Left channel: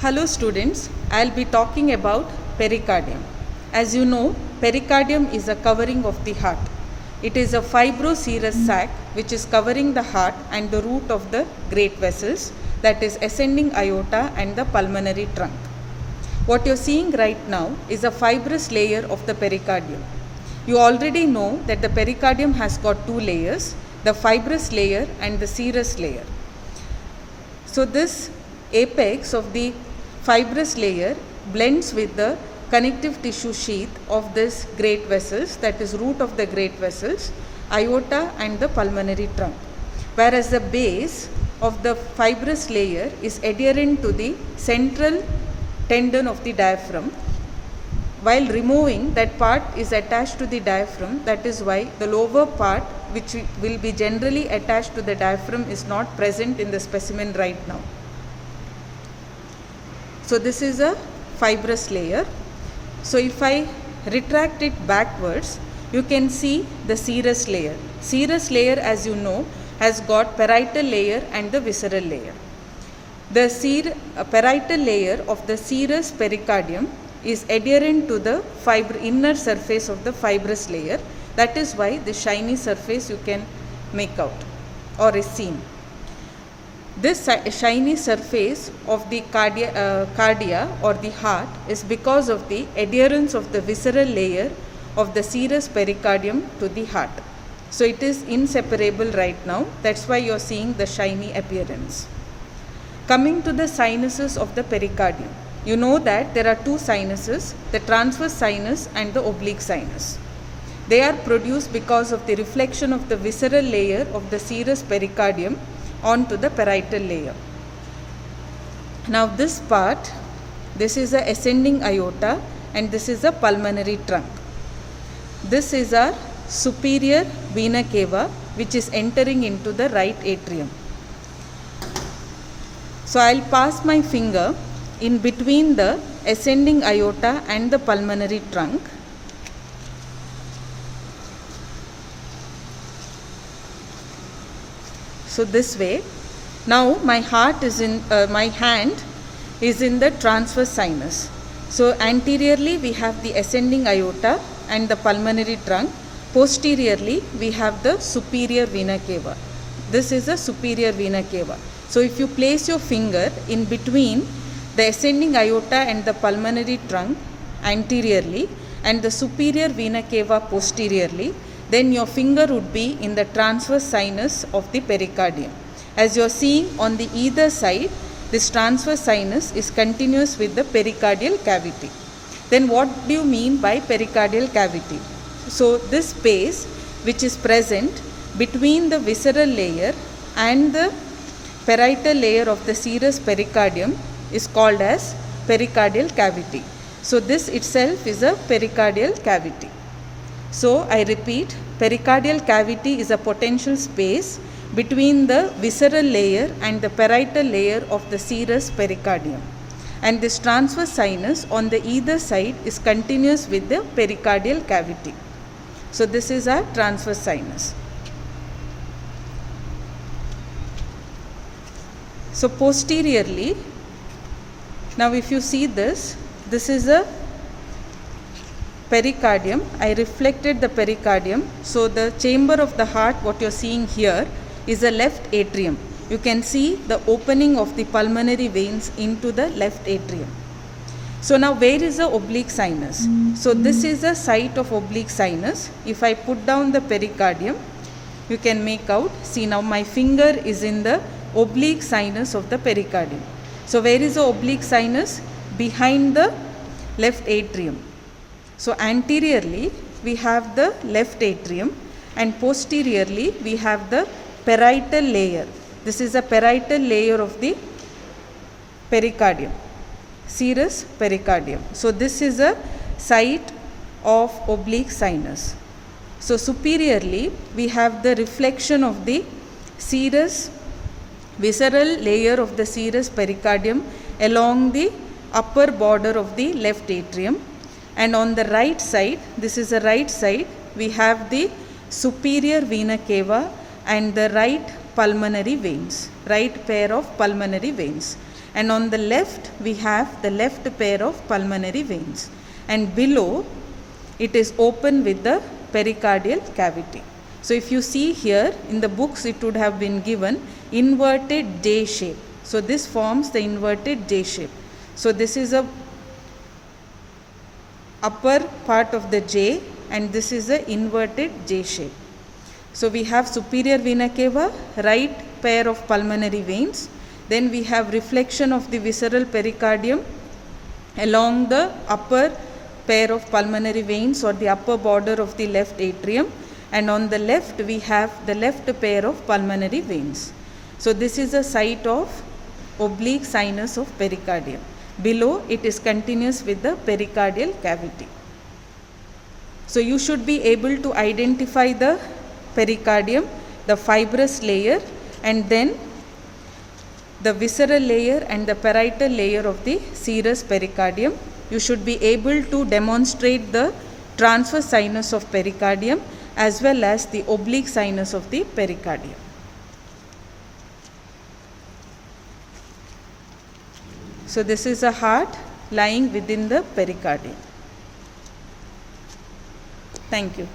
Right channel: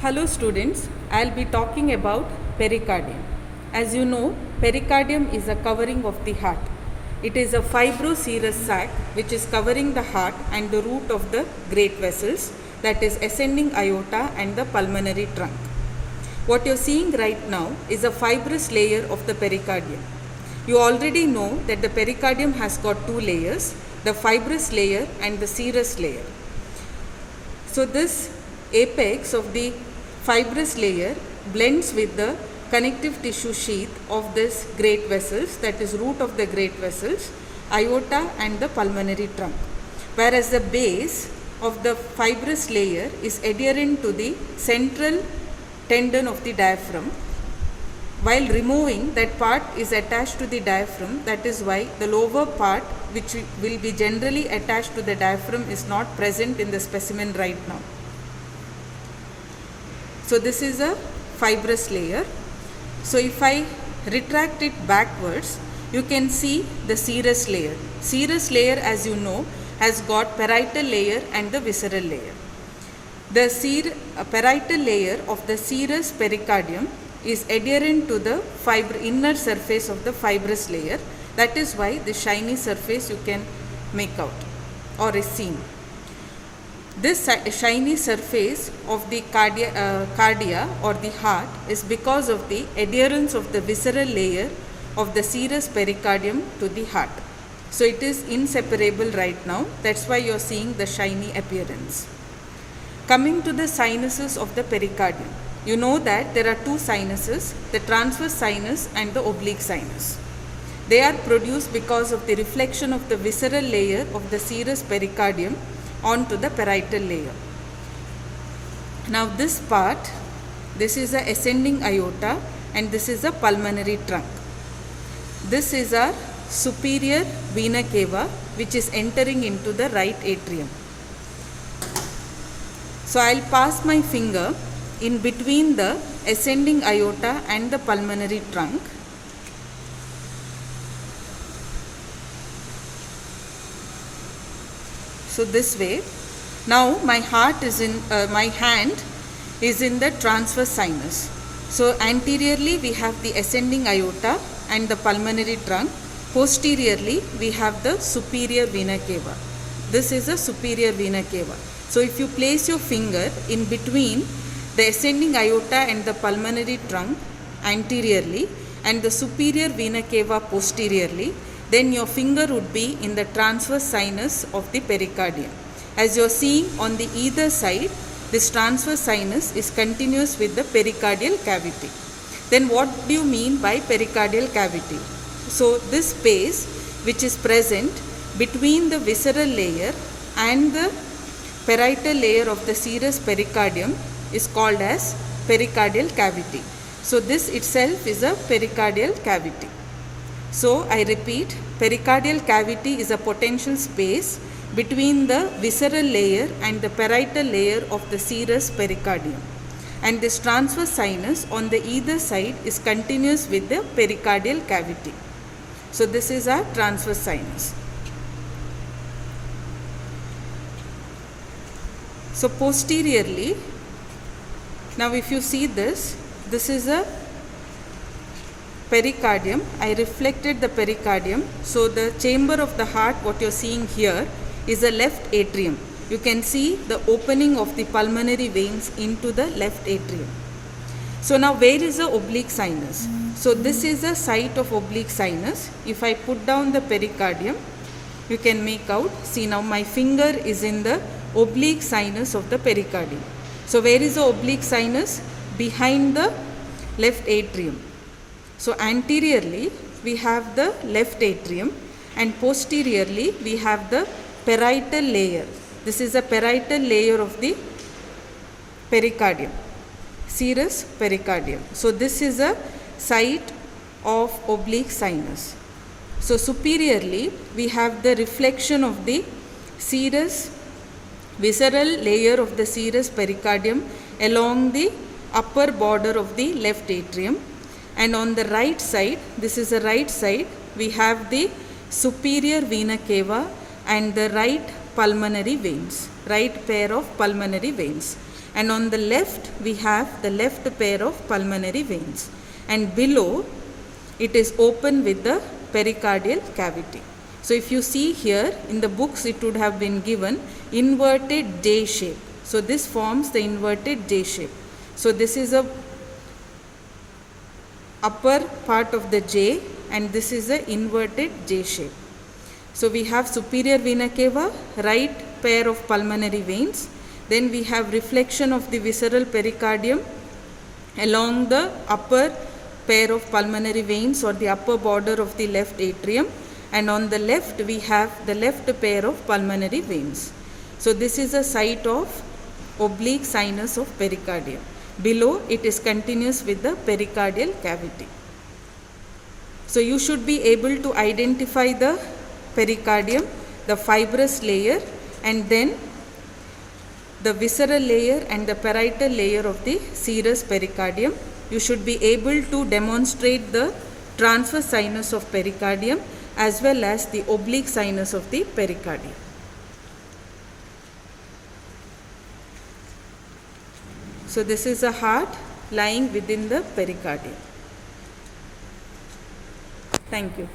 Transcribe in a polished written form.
Hello students, I'll be talking about pericardium. As you know, pericardium is a covering of the heart. It is a fibroserous sac which is covering the heart and the root of the great vessels, that is ascending aorta and the pulmonary trunk. What you're seeing right now is a fibrous layer of the pericardium. You already know that the pericardium has got two layers, the fibrous layer and the serous layer. So this apex of the fibrous layer blends with the connective tissue sheath of this great vessels, that is root of the great vessels, aorta and the pulmonary trunk. Whereas the base of the fibrous layer is adherent to the central tendon of the diaphragm. While removing, that part is attached to the diaphragm. That is why the lower part, which will be generally attached to the diaphragm, is not present in the specimen right now. So this is a fibrous layer. So if I retract it backwards, you can see the serous layer. Serous layer, as you know, has got parietal layer and the visceral layer. The parietal layer of the serous pericardium is adherent to the inner surface of the fibrous layer. That is why the shiny surface you can make out or is seen. This shiny surface of the cardia or the heart is because of the adherence of the visceral layer of the serous pericardium to the heart. So it is inseparable right now. That's why you are seeing the shiny appearance. Coming to the sinuses of the pericardium. You know that there are two sinuses, the transverse sinus and the oblique sinus. They are produced because of the reflection of the visceral layer of the serous pericardium onto the parietal layer. Now this part, this is a ascending aorta and this is a pulmonary trunk. This is our superior vena cava which is entering into the right atrium. So I'll pass my finger in between the ascending aorta and the pulmonary trunk. So this way. Now my hand is in the transverse sinus. So anteriorly we have the ascending aorta and the pulmonary trunk. Posteriorly we have the superior vena cava. This is the superior vena cava. So if you place your finger in between the ascending aorta and the pulmonary trunk anteriorly and the superior vena cava posteriorly, then your finger would be in the transverse sinus of the pericardium. As you are seeing on the either side, this transverse sinus is continuous with the pericardial cavity. Then what do you mean by pericardial cavity? So this space which is present between the visceral layer and the parietal layer of the serous pericardium is called as pericardial cavity. So this itself is a pericardial cavity. So I repeat, pericardial cavity is a potential space between the visceral layer and the parietal layer of the serous pericardium. And this transverse sinus on the either side is continuous with the pericardial cavity. So this is our transverse sinus. So posteriorly, now if you see this is a pericardium. I reflected the pericardium. So the chamber of the heart, what you are seeing here, is a left atrium. You can see the opening of the pulmonary veins into the left atrium. So now where is the oblique sinus? So this is the site of oblique sinus. If I put down the pericardium, you can make out. See, now my finger is in the oblique sinus of the pericardium. So where is the oblique sinus? Behind the left atrium. So anteriorly we have the left atrium and posteriorly we have the parietal layer. This is a parietal layer of the pericardium, serous pericardium. So this is a site of oblique sinus. So superiorly we have the reflection of the serous visceral layer of the serous pericardium along the upper border of the left atrium. And on the right side, this is the right side, we have the superior vena cava and the right pulmonary veins, right pair of pulmonary veins. and on the left we have the left pair of pulmonary veins, and below it is open with the pericardial cavity. So if you see here in the books, it would have been given inverted J shape. So this forms the inverted J shape. So this is a upper part of the J, and this is a inverted J shape. So we have superior vena cava, right pair of pulmonary veins. Then we have reflection of the visceral pericardium along the upper pair of pulmonary veins or the upper border of the left atrium, and on the left we have the left pair of pulmonary veins. So this is a site of oblique sinus of pericardium. Below it is continuous with the pericardial cavity. So you should be able to identify the pericardium, the fibrous layer, and then the visceral layer and the parietal layer of the serous pericardium. You should be able to demonstrate the transverse sinus of pericardium as well as the oblique sinus of the pericardium. So this is a heart lying within the pericardium. Thank you.